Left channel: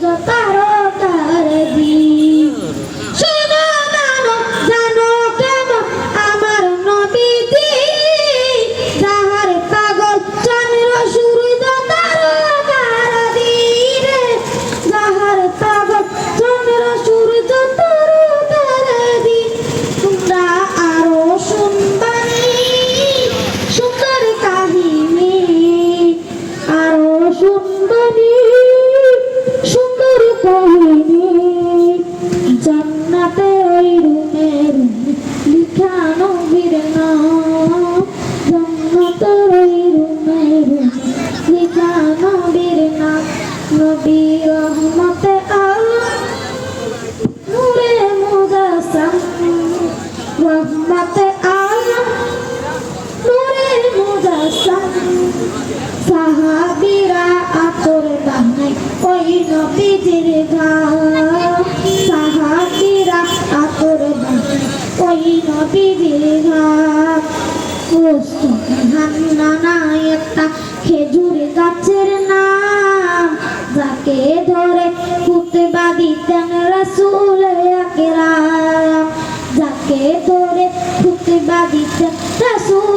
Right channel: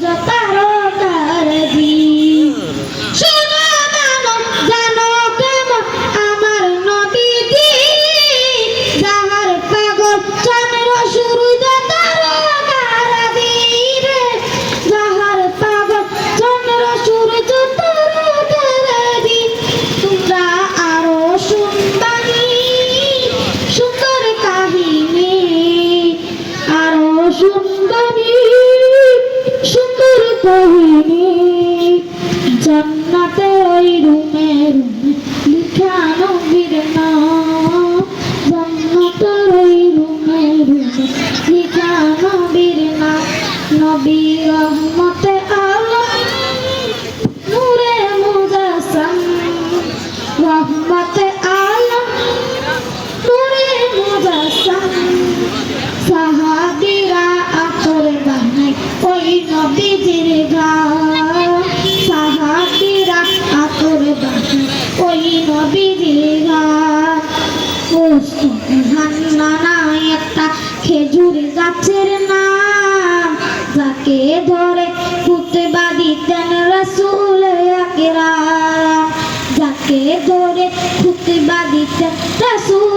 Natal. নবী রহমতে আলম নূরে মুজাসম রহমতে আলম নূরে মুজাসম সাহাবীরা আতর গানে ওই নবীজির গান। সাহাবীরা আতর গানে ওই নবীজির গান। ধরে কুতবা দিতেন রসুল আকরাম যাকে ধরে কুতবা দিতেন রসুল